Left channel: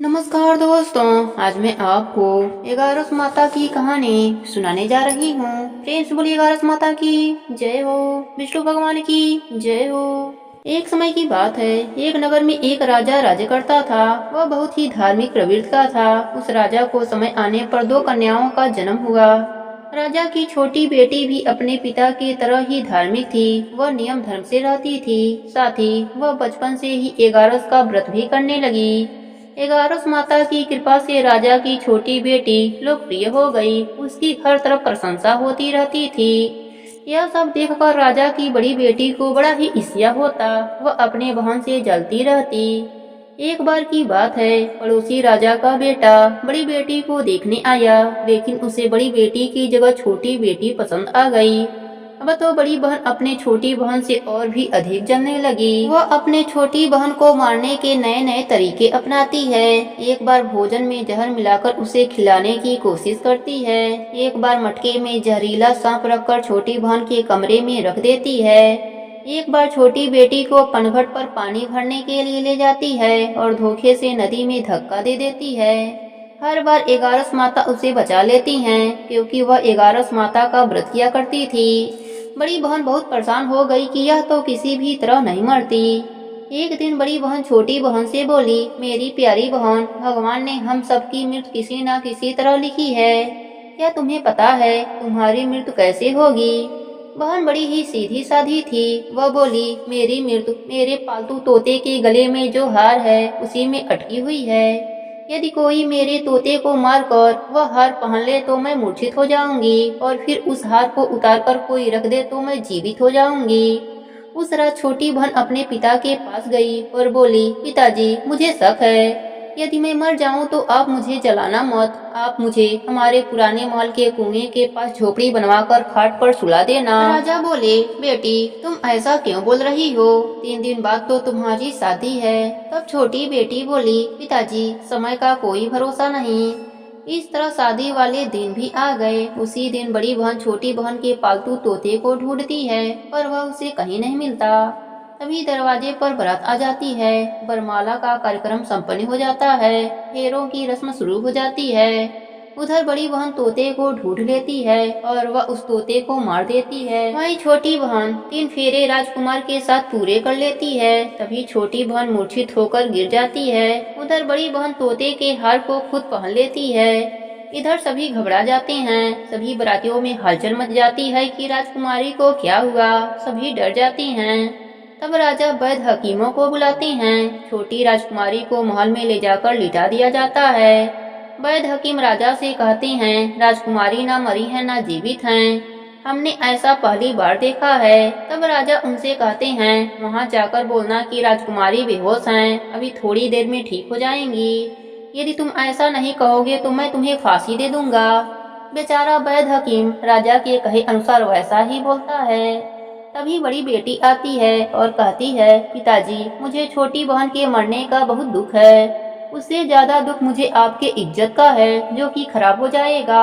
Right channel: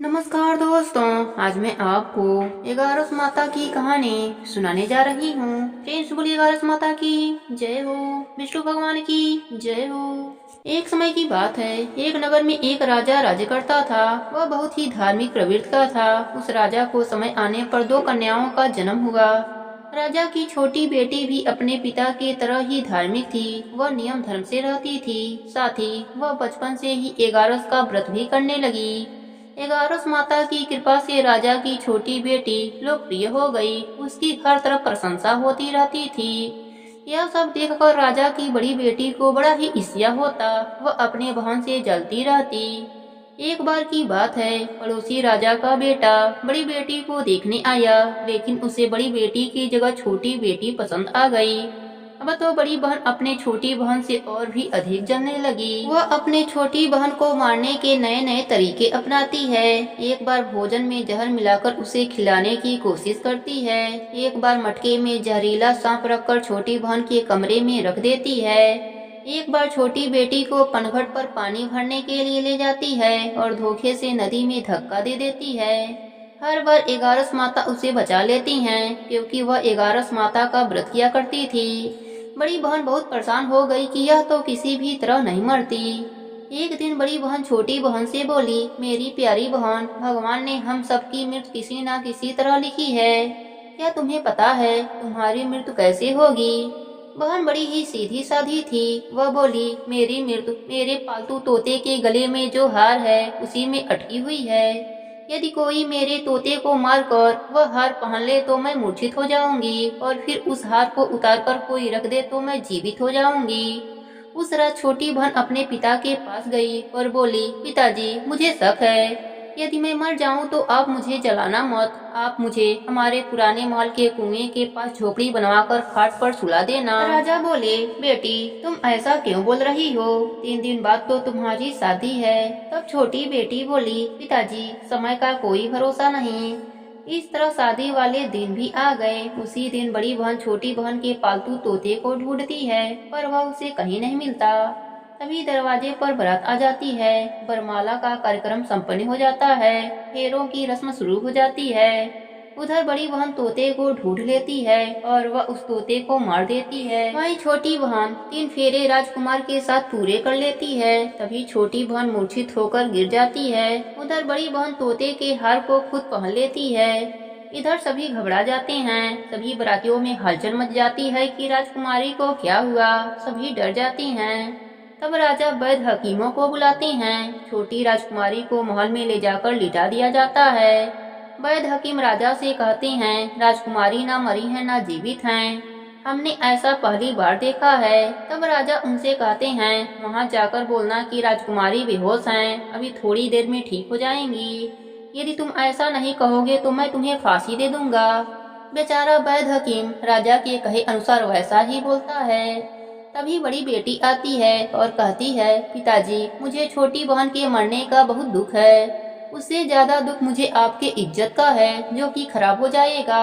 नमस्कार दोस्तों, आज मैं आपको ग्यारस माता की कहानी सुनाने जा रही हूँ। फ्रेंड्स बोलिए ग्यारस माता की जय हो, विष्णु भगवान की जय हो। एक समय की बात है, एक नगर में एक राजा राज्य करता था। वह बहुत ही धार्मिक प्रवृत्ति का था। उस राजा को समय आने पर दो कन्याओं का जन्म हुआ। राजा की छोटी बेटी भी अपने पिता की तरह ही धार्मिक थी। वह नियम धर्म से रहती थी। साथ ही वह बचपन से ही ग्यारस का व्रत भी करने लगी। ग्यारस माता की कृपा से राजा की छोटी बेटी लोकप्रिय हो गई। उसकी हर तरफ प्रशंसा होती रहती थी। यह सब देखकर राजा की बड़ी बेटी को बड़ा ही ईर्ष्या होता। वह अपने बहन से जलती रहती। एक बार की बात है, पड़ोसी राजा का बेटा बड़ी बेटी को देखने आया, लेकिन उसे बड़ी बेटी की जगह छोटी बेटी पसंद आ गई। अब तो बड़ी बहन अपने छोटी बहन से और भी अधिक जलने लगी। वह अपने छोटी बहन को मारने के नए नए तरीके अपनाती है। एक बार भोजन में जहर मिलाकर उसे खिलाने की कोशिश करती है। एक बार मटके में जहरीला सांप रखकर छोटी बहन के कमरे में रख देती है। एक बार छोटी बेटी को पनघट पर पानी भरने के लिए ले जाती है और धोखे से नदी में धक्का दे देती है। हर बार ग्यारस माता उसे बचा लेती हैं, क्योंकि वह ग्यारस माता का व्रत किया करती थी। बड़ी बहन बहुत परेशान हो गई कि यह तो किसी भी तरह नहीं मरती। एक दिन बड़ी बहन छोटी बहन से बोली, मेरी प्यारी बहन, भगवान ने हम सबकी मृत्यु किसी न किसी तरह लिखी है। क्या तुम्हें पता है तुम्हारी मृत्यु कैसे होगी? बहन बड़ी ही सीधी साधी थी। वह बोली, मेरी मृत्यु मेरे पालतू तोते के गले में जो हार है उसी में अटकी हुई है। यदि कोई मेरे तोते को मारकर वह हार पहन ले तो मैं मूर्छित हो जाऊंगी, और फिर उस हार को उतारकर कोई रख दे तो मैं जीवित हो जाऊंगी। उस रात छोटी बहन अपने पिता के पास गई और बोली, पिताजी, मुझे शक है। यदि मैं मर जाऊं तो आप मुझे जलाना मत। आप मुझे हमारे पुराने महल के कुएं के पास झोपड़ी बनवाकर खाट पर सुला देना। राजा बोले, बेटी, तुम ऐसा क्यों बोल रही हो? 3 दिन बाद तो तुम्हारी शादी है। तब छोटी बेटी बोली, पिताजी, समय का कोई भरोसा नहीं। इस तरह शादी वाले दिन भी आ गए। उसी दिन बड़ी बहन छोटी बहन के पालतू तोते को ढूंढती है, पर वह उसे कहीं नहीं मिलता। तभी दरवाजे पर बारात आ जाती है। वरमाला का कार्यक्रम संपन्न हो जाता है। फेरों की रस्म शुरू हो जाती है। उधर बड़ी बहन तोते को ढूंढ लेती है और वह उस तोते को मार देती है। वहीं छोटी बहन 3 फेरे राजकुमार के साथ पूरे कर लेती है। तभी छोटी बहन मूर्छित होकर गिर जाती है। उधर बड़ी बहन तोते के हार को खुद पहन लेती है। इधर सभी घबरा जाते हैं। सभी बारातियों में हलचल मच जाती है कि राजकुमारी को क्या हुआ। सभी डर जाते हैं। तब राजा वैद्य हकीमों को बुलाते हैं। छोटी राजकुमारी को महल में ले जाकर लिटा दिया जाता है। वैद्य हकीम राजा से कहते हैं, राजकुमारी ना मरी है ना जीवित हैं। हमने ऐसा पहली बार देखा है। तब राजा उनसे कहते हैं, वहां जाकर बोलना कि राजकुमारी बेहोश हैं, अभी थोड़ी देर में ठीक हो जाएंगी। यदि तुम ऐसा नहीं कहोगे तो मैं तुम्हें फांसी दे दूंगा। बेचारा वैद्य हकीम राजा के कहे अनुसार वैसा ही बोलता है। तभी बड़ी बेटी आती है और कहती है, पिताजी, मुझे छोटी बहन के मरने का बहुत दुख है। उससे ज्यादा दुख मुझे आपके इज्जत का है, जो कि खराब हो जाएगा।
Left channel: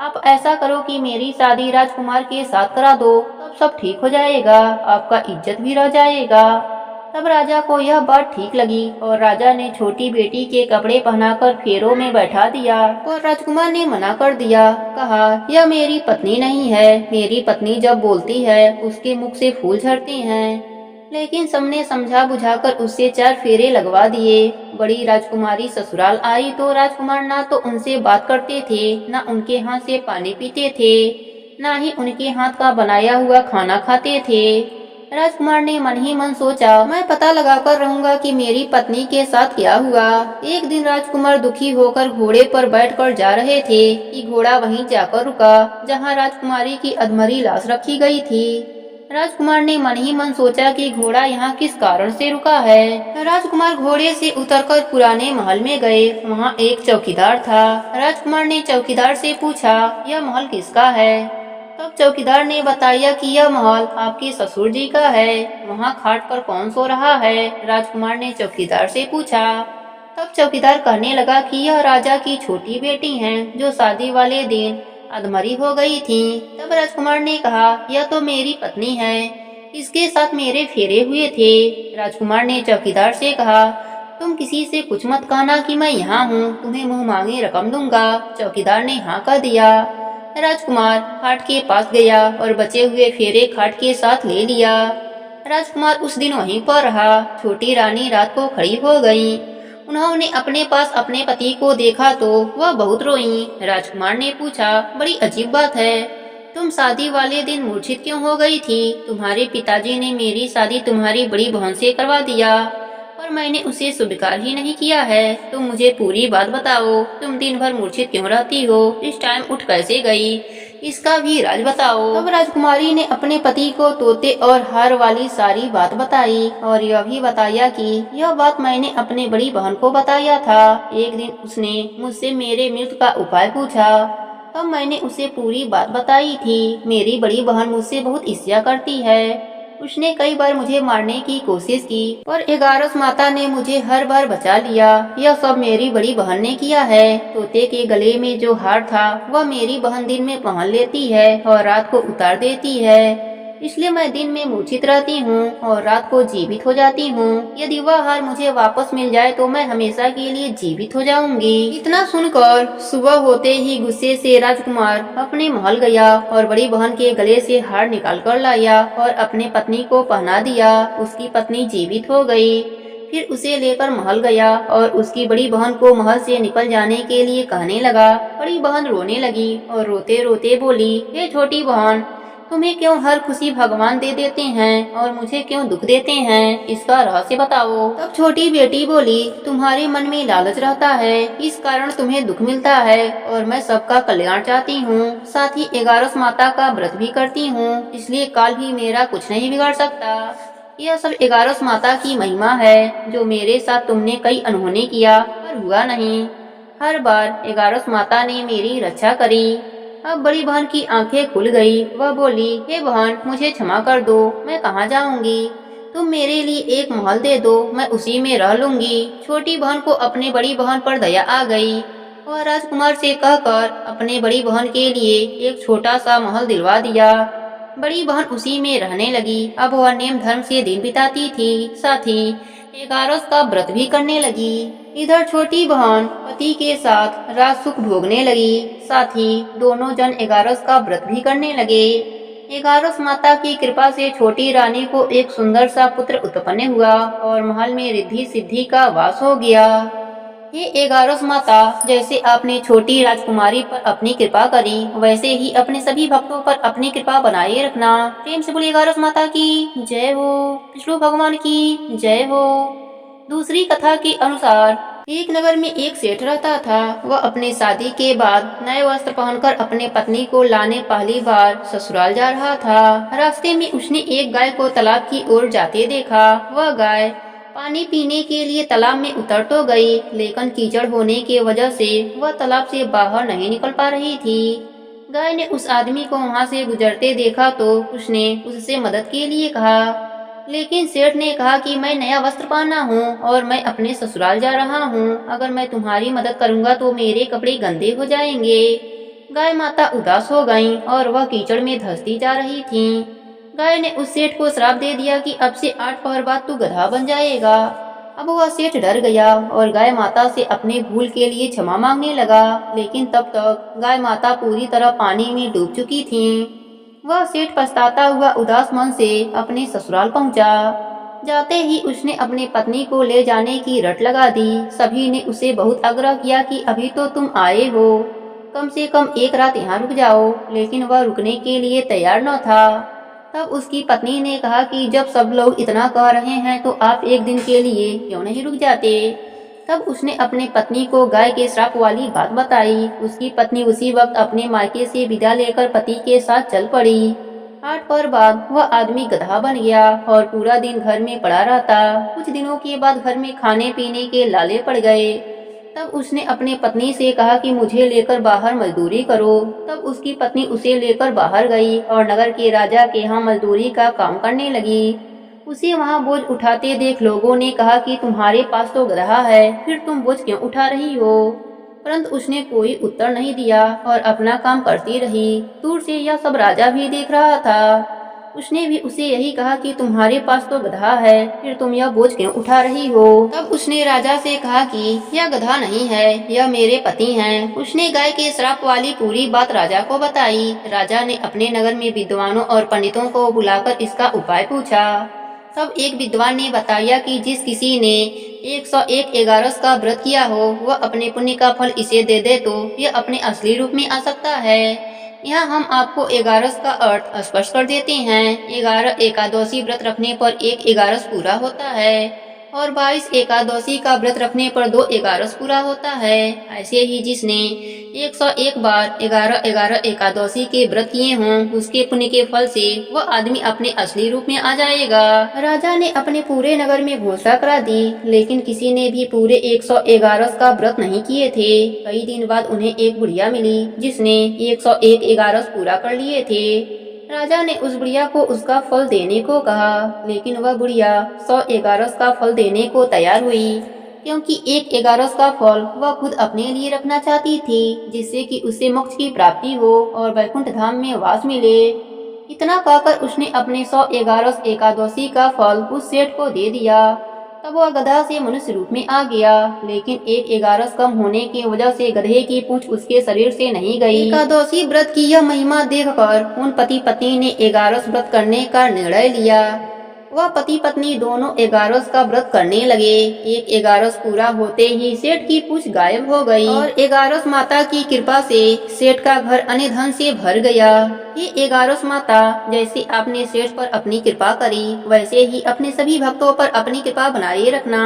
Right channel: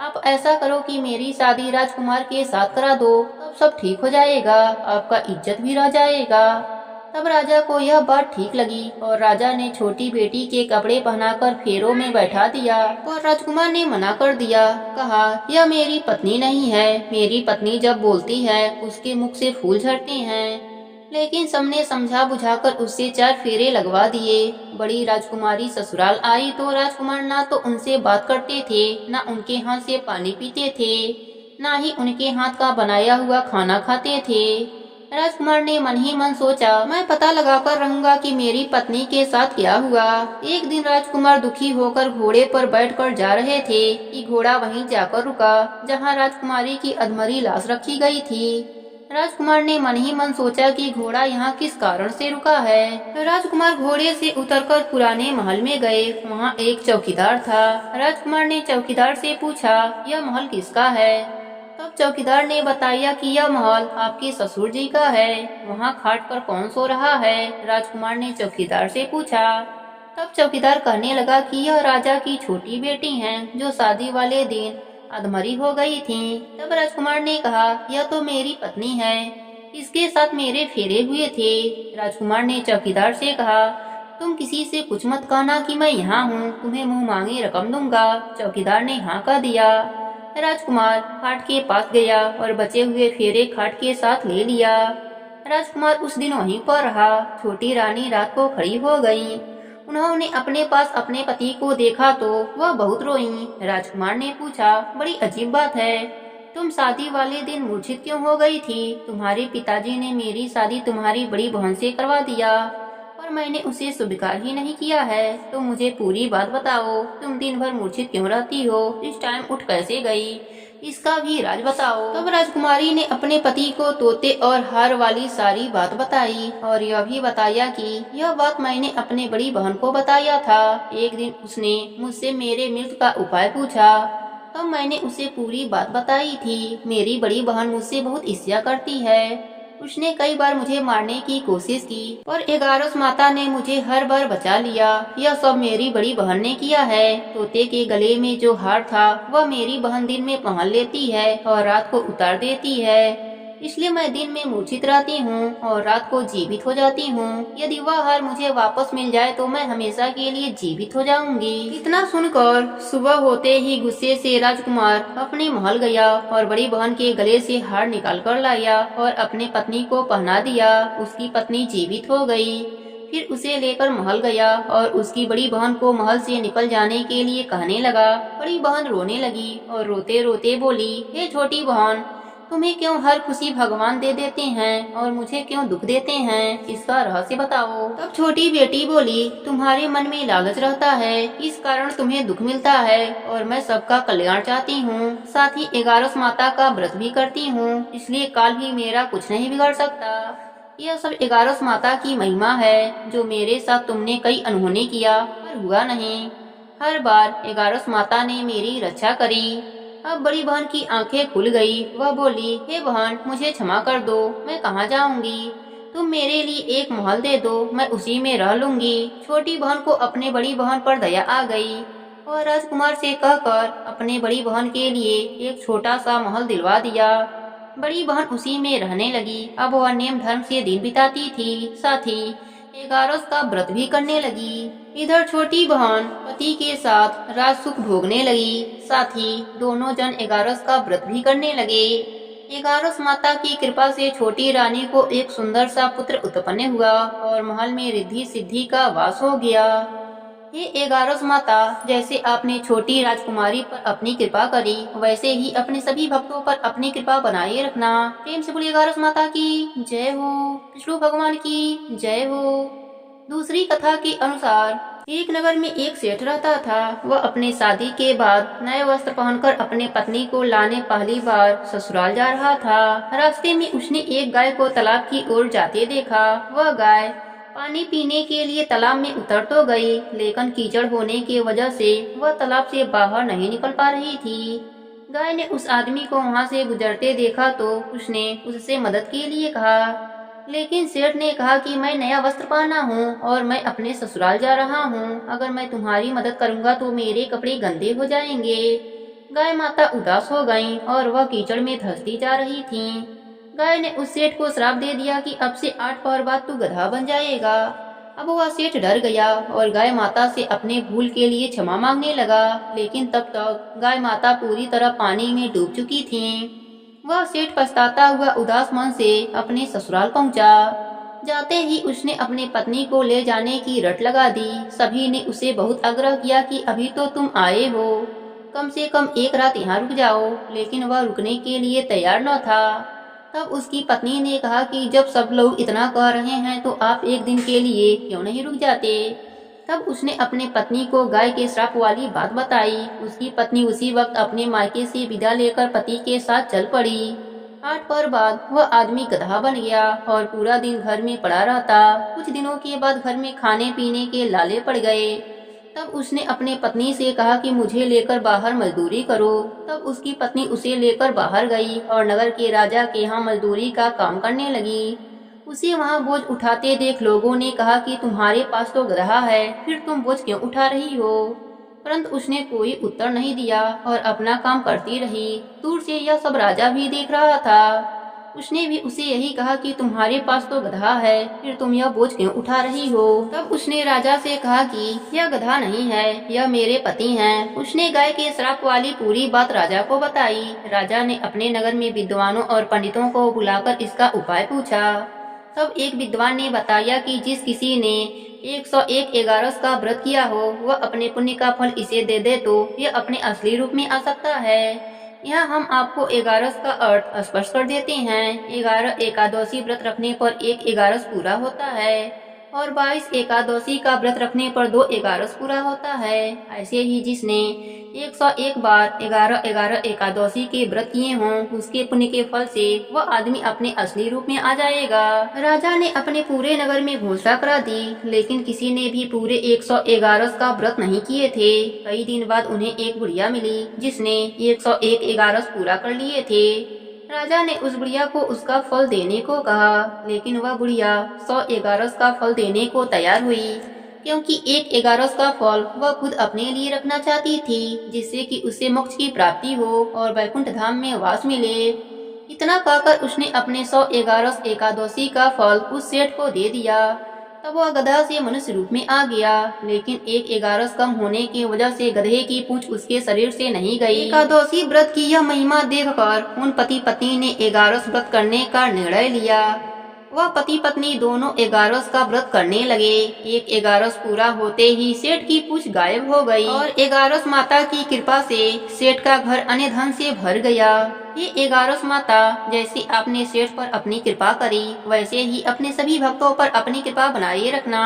आप ऐसा करो कि मेरी शादी राजकुमार के साथ करा दो, तब सब ठीक हो जाएगा, आपका इज्जत भी रह जाएगा। तब राजा को यह बात ठीक लगी और राजा ने छोटी बेटी के कपड़े पहनाकर फेरों में बैठा दिया। और राजकुमार ने मना कर दिया, कहा, यह मेरी पत्नी नहीं है। मेरी पत्नी जब बोलती है उसके मुख से फूल झड़ते हैं। लेकिन सबने समझा बुझाकर उससे 4 फेरे लगवा दिए। बड़ी राजकुमारी ससुराल आई तो राजकुमार ना तो उनसे बात करते थे, ना उनके हाथ से पानी पीते थे, ना ही उनके हाथ का बनाया हुआ खाना खाते थे। राजकुमार ने मन ही मन सोचा, मैं पता लगाकर रहूंगा कि मेरी पत्नी के साथ क्या हुआ। एक दिन राजकुमार दुखी होकर घोड़े पर बैठकर जा रहे थे कि घोड़ा वहीं जाकर रुका जहां राजकुमारी की अधमरी लाश रखी गई थी। राजकुमार ने मन ही मन सोचा कि घोड़ा यहाँ किस कारण से रुका है। राजकुमार घोड़े से उतरकर पुराने महल में गए। वहाँ एक चौकीदार था। राजकुमार ने चौकीदार से पूछा, यह महल किसका है? तब चौकीदार ने बताया कि यह महल आपके ससुर जी का है। वहाँ खाट पर कौन सो रहा है? राजकुमार ने चौकीदार से पूछा। तब चौकीदार कहने लगा कि यह राजा की छोटी बेटी हैं, जो शादी वाले दिन अधमरी हो गई थी। तब राजकुमार ने कहा, यह तो मेरी पत्नी है, इसके साथ मेरे फेरे हुए थे। राजकुमार ने चौकीदार से कहा, तुम किसी से कुछ मत कहना कि मैं यहाँ हूँ, तुम्हें मुंह मांगे रकम दूंगा। चौकीदार ने हाँ कह दिया। राजकुमार खाट के पास गया और बचे हुए फेरे खाट के साथ ले लिया। राजकुमार उस दिन वहीं पर रहा। छोटी रानी रात को खड़ी हो गई। उन्होंने अपने पास अपने पति को देखा तो वह बहुत रोई। राजकुमार ने पूछा, बड़ी अजीब बात है, तुम शादी वाले दिन मूर्छित क्यों हो गई थी? तुम्हारे पिताजी ने मेरी शादी तुम्हारी बड़ी बहन से करवा दिया और मैंने उसे स्वीकार ही नहीं किया है। तुम मुझे पूरी बात बताओ, तुम दिन भर मूर्छित क्यों रहती हो? इस टाइम उठ कैसे गई? इसका भी राज बताओ। तब राजकुमारी ने अपने पति को तोते और हार वाली सारी बात बताई और यह भी बताया कि यह बात मैंने अपने बड़ी बहन को बताया था। एक दिन उसने मुझसे मेरे मृत्यु का उपाय पूछा, तब मैंने उसे पूरी बात बताई थी। मेरी बड़ी बहन मुझसे बहुत ईर्ष्या करती है। उसने कई बार मुझे मारने की कोशिश की और 11 माता ने मुझे हर बार बचा लिया। यह सब मेरी बड़ी बहन ने किया है। तोते के गले में जो हार था वह मेरी बहन दिन में पहन लेती है और रात को उतार देती है। इसलिए मैं दिन में मूर्छित रहती हूँ और रात को जीवित हो जाती हूँ। यदि वह हार मुझे वापस मिल जाए तो मैं हमेशा के लिए जीवित हो जाऊंगी। इतना सुनकर सुबह होते ही गुस्से से राजकुमार अपने महल गया और बड़ी बहन के गले से हार निकाल कर लाया और अपने पत्नी को पहना दिया। उसकी पत्नी जीवित हो गई। फिर उसे लेकर महल गया और उसकी बड़ी बहन को महल से निकल जाने के लिए कहने लगा। बड़ी बहन रोने लगी और रोते रोते बोली, हे छोटी बहन, तुम्हें क्यों हर खुशी भगवान दे देते हैं और मुझे क्यों दुख देते हैं? इसका रहस्य बताओ। तब छोटी बेटी बोली, तुम्हारे मन में लालच रहता है, इस कारण तुम्हें दुख मिलता है और मैं सबका कल्याण चाहती हूँ। साथ ही 11 माता का व्रत भी करती हूँ, इसलिए काल भी मेरा कुछ नहीं बिगाड़ सकता। यह सब 11 माता की महिमा है। जो मेरे साथ तुमने कई अनहोनी किया पर हुआ नहीं। हर बार 11 माता ने मेरी रक्षा करी। अब बड़ी बहन की आंखें खुल गई। वह बोली, हे बहन, मुझे क्षमा कर दो, मैं कहाँ जाऊंगी? तुम मेरे लिए एक महल दे दो, मैं उसी में रह लूंगी। छोटी बहन को अपने बड़ी बहन पर दया आ गई और राजकुमार से कहकर अपने बड़ी बहन के लिए एक छोटा सा महल दिलवा दिया। बड़ी बहन उसी में रहने लगी। अब वह नेम धर्म से दिन बिताती थी, साथ ही 11 का व्रत भी करने लगी। इधर छोटी बहन पति के साथ राज सुख भोगने लगी। साथ ही दोनों जन 11 का व्रत भी करने लगे। 11 माता की कृपा से छोटी रानी को एक सुंदर सा पुत्र उत्पन्न हुआ और महल में रिद्धि सिद्धि का वास हो गया। हे 11 माता, जैसे आपने छोटी राजकुमारी पर अपनी कृपा करी, वैसे ही अपने सभी भक्तों पर अपनी कृपा बनाए रखना। प्रेम से बोलिए 11 माता की जय हो, विष्णु भगवान की जय हो। दूसरी कथा के अनुसार एक नगर में एक सेठ रहता था। वह अपने शादी के बाद नए वस्त्र पहनकर अपने पत्नी को लाने पहली बार ससुराल जा रहा था। रास्ते में उसने एक गाय को तालाब की ओर जाते देखा। वह गाय पानी पीने के लिए तालाब में उतर तो गई, लेकिन कीचड़ होने की वजह से वह तालाब से बाहर नहीं निकल पा रही थी। गाय ने उस आदमी को वहां से गुजरते देखा तो उसने उससे मदद के लिए कहा, लेकिन सेठ ने कहा कि मैं नया वस्त्र पहना हूँ और मैं अपने ससुराल जा रहा हूँ। अगर मैं तुम्हारी मदद करूँगा तो मेरे कपड़े गंदे हो जाएंगे। गाय माता उदास हो गईं और वह कीचड़ में धंसती जा रही थीं। गाय ने उस सेठ को श्राप दे दिया कि अब से 8 पहर बाद तू गधा बन जाएगा। अब वह सेठ डर गया और गाय माता से अपने भूल के लिए क्षमा मांगने लगा, लेकिन तब तक गाय माता पूरी तरह पानी में डूब चुकी थीं। वह सेठ पछताता हुआ उदास मन से अपने ससुराल पहुंचा। जाते ही उसने अपनी पत्नी को ले जाने की रट लगा दी। सभी ने उसे बहुत आग्रह किया कि अभी तो तुम आए हो, कम से कम एक रात यहाँ रुक जाओ, लेकिन वह रुकने के लिए तैयार न था। तब उसकी पत्नी ने कहा कि जब सब लोग इतना कह रहे हैं तो आप एक दिन के लिए क्यों नहीं रुक जाते। तब उसने अपने पत्नी को गाय के श्राप वाली बात बताई। उसकी पत्नी उसी वक्त अपने मायके से विदा लेकर पति के साथ चल पड़ी। 8 पहर बाद वह आदमी गधा बन गया और पूरा दिन घर में पड़ा रहता। कुछ दिनों के बाद घर में खाने पीने के लाले पड़ गए। तब उसने अपने पत्नी से कहा कि मुझे लेकर बाहर मजदूरी करो। तब उसकी पत्नी उसे लेकर बाहर गई और नगर के राजा के यहाँ मजदूरी का काम करने लगी। उसे वहाँ बोझ उठाते देख लोगों ने कहा कि तुम्हारे पास तो गधा है, फिर तुम बोझ क्यों उठा रही हो? परंतु उसने कोई उत्तर नहीं दिया और अपना काम करती रही। दूर से यह सब राजा भी देख रहा था। उसने भी उसे यही कहा कि तुम्हारे पास तो गधा है, फिर तुम यह बोझ क्यों उठा रही हो। तब उसने राजा से कहा कि यह गधा नहीं है, यह मेरे पति हैं। उसने गाय के श्राप वाली पूरी बात राजा को बताई। राजा ने अपने नगर में विद्वानों और पंडितों को बुलाकर इसका उपाय पूछा। तब एक विद्वान ने बताया कि जिस किसी ने 101 एगारस का व्रत किया हो, वह अपने पुण्य का फल इसे दे दे तो यह अपने असली रूप में आ सकता है। यहाँ हम आपको एगारस का अर्थ स्पष्ट कर देते हैं। 11 एकादशी व्रत रखने पर एक एगारस पूरा होता है और 22 एकादशी का व्रत रखने पर 2 एगारस पूरा होता है। ऐसे ही जिसने 101 बार 11-11 एकादशी के व्रत किए हों, उसके पुण्य के फल से वह आदमी अपने असली रूप में आ जाएगा। राजा ने अपने पूरे नगर में घोषणा करा दी, लेकिन किसी ने भी पूरे 111 का व्रत नहीं किए थे। कई दिन बाद उन्हें एक बुढ़िया मिली जिसने 101 एगारस पूरा कर लिए थे। राजा ने उस बुढ़िया को उसका फल देने को कहा, लेकिन वह बुढ़िया 100 एगारस का फल देने को तैयार हुई, क्योंकि एक एगारस का फल वह खुद अपने लिए रखना चाहती थी, जिससे कि उसे मोक्ष की प्राप्ति हो और वैकुंठ धाम में वास मिले। इतना कहकर उसने अपने 100 एगारस एकादशी का फल उस सेठ को दे दिया। तब वह गधा से मनुष्य रूप में आ गया, लेकिन एक एगारस कम होने की वजह से गधे की पूंछ उसके शरीर से नहीं गई। एकादशी व्रत की यह महिमा देखकर उन पति पत्नी ने एगारस व्रत करने का निर्णय लिया। वह पति पत्नी दोनों एगारस का व्रत करने लगे। एक एगारस पूरा होते ही सेठ की पूंछ गायब हो गई और एगारस माता की कृपा से सेठ का घर अन्य धन से भर गया। हे एगारस माता, जैसे आपने सेठ पर अपनी कृपा करी, वैसे ही अपने सभी भक्तों पर अपनी कृपा बनाए रखना।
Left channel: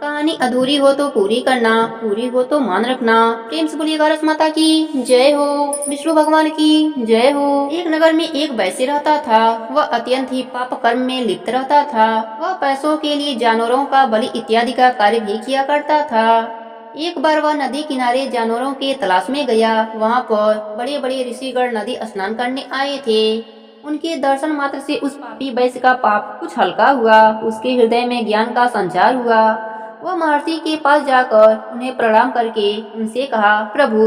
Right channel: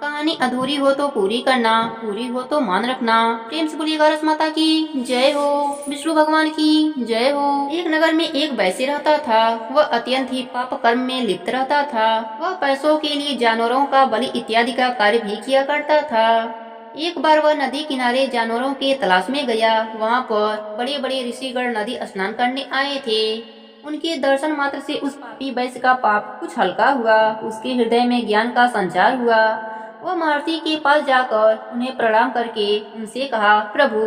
कहानी अधूरी हो तो पूरी करना, पूरी हो तो मान रखना। प्रेम से बोलिए एगारस माता की जय हो, विष्णु भगवान की जय हो। एक नगर में एक वैश्य रहता था। वह अत्यंत ही पाप कर्म में लिप्त रहता था। वह पैसों के लिए जानवरों का बलि इत्यादि का कार्य भी किया करता था। एक बार वह नदी किनारे जानवरों के तलाश में गया। वहाँ पर बड़े बड़े ऋषिगण नदी स्नान करने आए थे। उनके दर्शन मात्र से उस पापी वैश्य का पाप कुछ हल्का हुआ। उसके हृदय में ज्ञान का संचार हुआ। वह महर्षि के पास जाकर उन्हें प्रणाम करके उनसे कहा, प्रभु,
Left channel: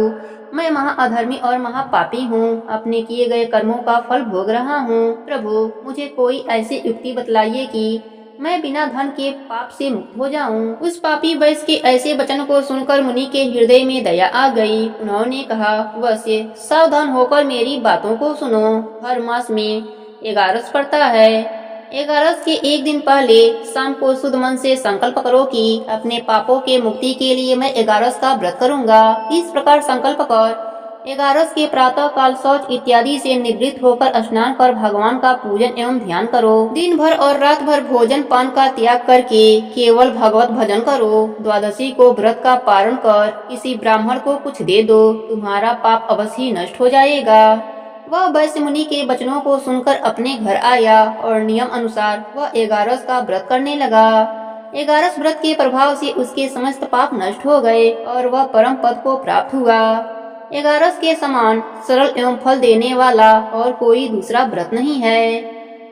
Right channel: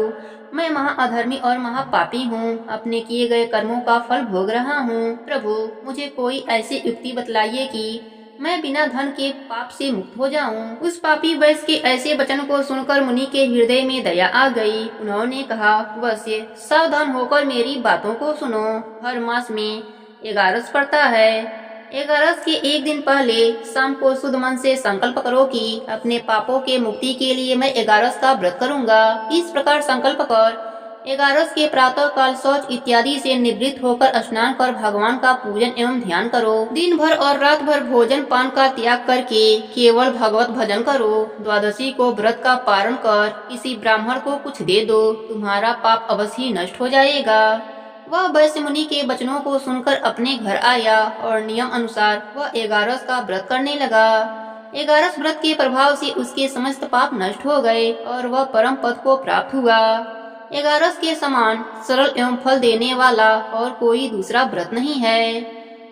मैं महाअधर्मी और महापापी हूँ। अपने किए गए कर्मों का फल भोग रहा हूँ। प्रभु, मुझे कोई ऐसी युक्ति बतलाइए कि मैं बिना धन के पाप से मुक्त हो जाऊं। उस पापी वैश्य के ऐसे वचन को सुनकर मुनि के हृदय में दया आ गई। उन्होंने कहा, वैश्य, सावधान होकर मेरी बातों को सुनो। हर मास में एगारस पड़ता है। एगारस के एक दिन पहले शाम को शुद्ध मन से संकल्प करो कि अपने पापों के मुक्ति के लिए मैं एगारस का व्रत करूंगा। इस प्रकार संकल्प कर एगारस के प्रातः काल शौच इत्यादि से निवृत्त होकर स्नान कर भगवान का पूजन एवं ध्यान करो। दिन भर और रात भर भोजन पान का त्याग करके केवल भगवत भजन करो। द्वादशी को व्रत का पारण कर किसी ब्राह्मण को कुछ दे दो, तुम्हारा पाप अवश्य ही नष्ट हो जाएगा। वह वैश्य मुनि के वचनों को सुनकर अपने घर आया और नियम अनुसार वह एगारस का व्रत करने लगा। एगारस व्रत के प्रभाव से उसके समस्त पाप नष्ट हो गए और वह परम पद को प्राप्त हुआ। एगारस के समान सरल एवं फल देने वाला और कोई दूसरा व्रत नहीं है।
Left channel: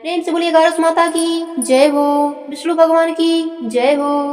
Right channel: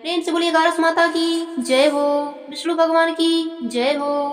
प्रेम से बोलिए एगारस माता की जय हो, विष्णु भगवान की जय हो।